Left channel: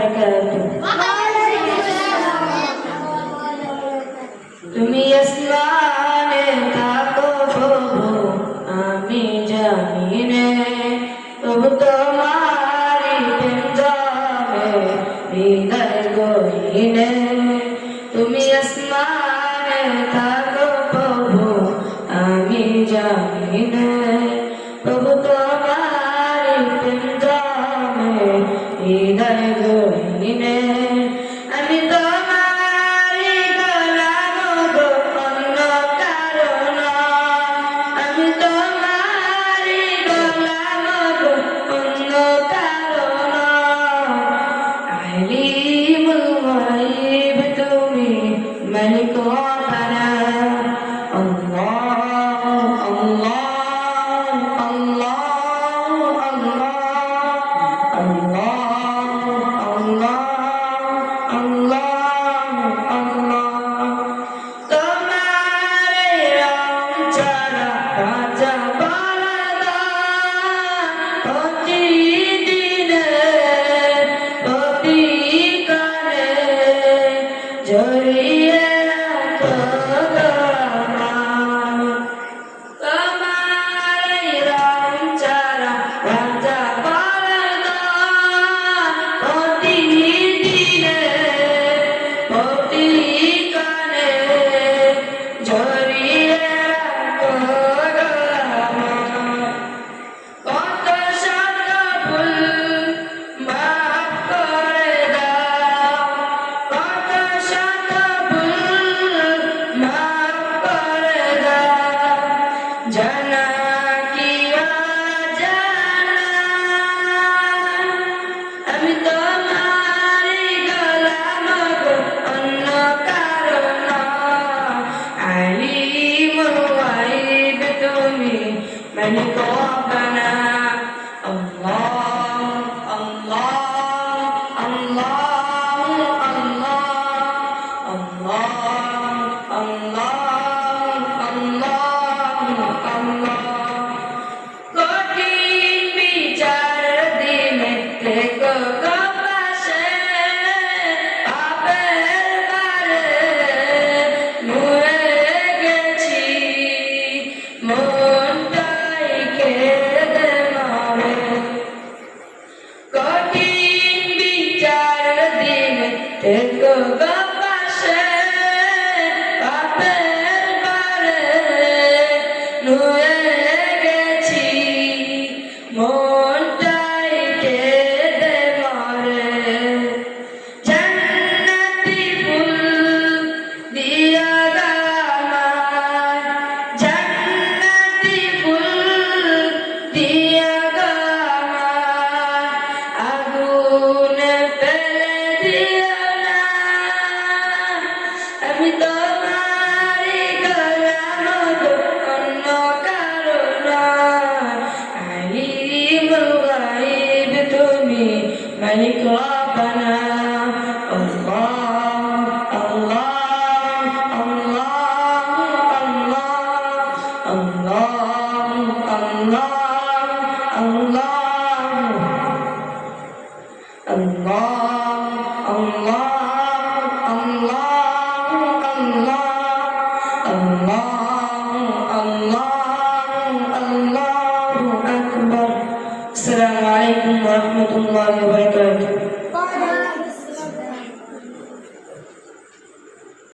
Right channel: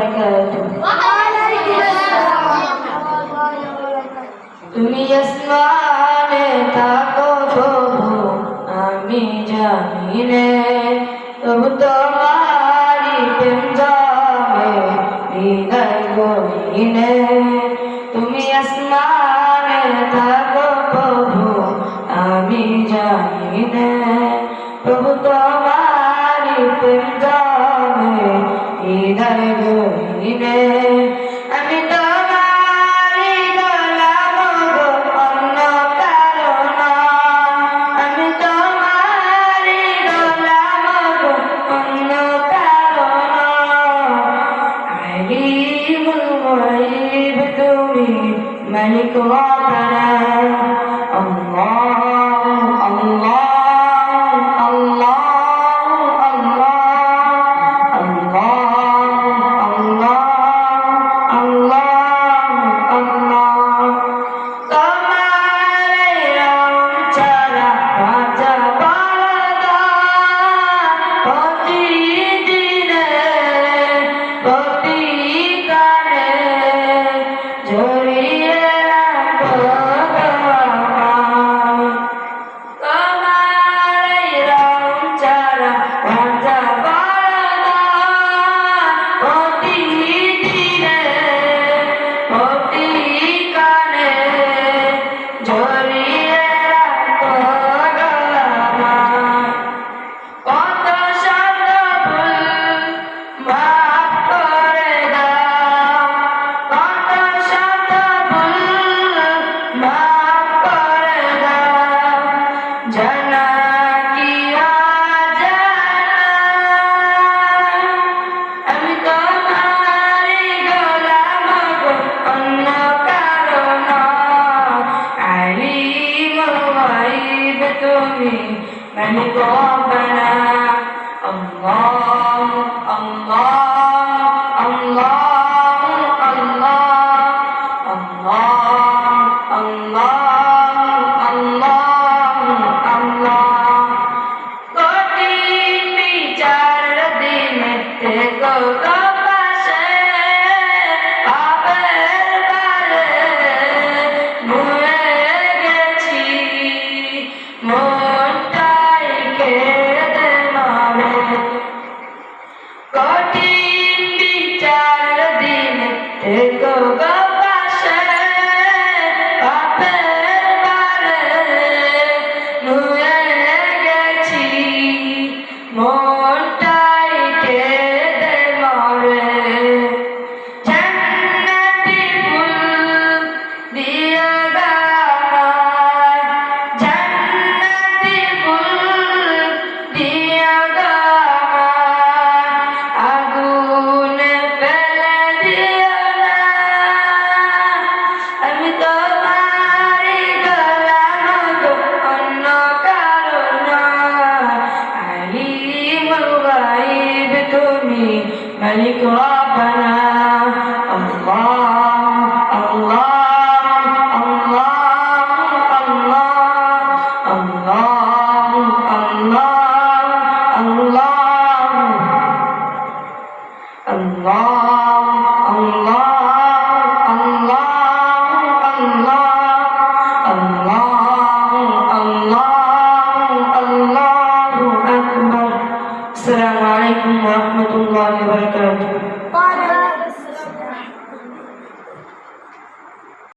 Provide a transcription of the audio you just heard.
বারাকাতুহু। তুমি আসমানে থাকো প্রভু আমি জানি নে, তবু তোমারি প্রেম জমে হৃদয় গহীনে। তুমি আসমানে থাকো প্রভু আমি জানি নে, তবু তোমারি প্রেম জমে হৃদয় গহীনে। আমি তোমারি গোলাম গো অন্য কারো নয়, আমি তোমারি গোলাম গো অন্য কারো নয়। আলিমুল গায়ব তুমি মালিক রব্বানা। আল্লাহ আল্লাহ আল্লাহ আল্লাহ আল্লাহ আল্লাহ আল্লাহ। তোমার রং ছাড়া রাজা বলদা প্রতিদিনে প্রতিকারে জড়িয়ে রাখো আমায়। তোমার রং ছাড়া রাজা বলদা প্রতিদিনে প্রতিকারে জড়িয়ে রাখো আমায়। কত শত ভুল মাফ করে দাও, কত শত ভুল মাফ করে দাও, জানা কি অজানা। আমি তোমারি গোলাম গো অন্য কারো নয়। আলিমুল গায়ব তুমি মালিক রব্বানা। আল্লাহ আল্লাহ আল্লাহ আল্লাহ আল্লাহ আল্লাহ আল্লাহ আল্লাহ। কঠিন বিচার দিনে থেকো গো পাশে, পাপের ভারে নুয়ে গেছি, মনটাই কেঁদে মরে। কঠিন বিচার দিনে থেকো গো পাশে, পাপের ভারে নুয়ে গেছি, মনটাই কেঁদে মরে। জান্নাতি ফুল দিও গো আমায়, জান্নাতি ফুল দিও গো আমায়, আগুনে ফেলে দিও না। আমি তোমারি গোলাম গো অন্য কারো নয়। আলিমুল গায়ব তুমি মালিক রব্বানা। আল্লাহ আল্লাহ আল্লাহ আল্লাহ আল্লাহ আল্লাহ আল্লাহ আল্লাহ আল্লাহ আল্লাহ আল্লাহ আল্লাহ আল্লাহু আকবার। আসসালামু আলাইকুম ওয়া রাহমাতুল্লাহি ওয়া বারাকাতুহু।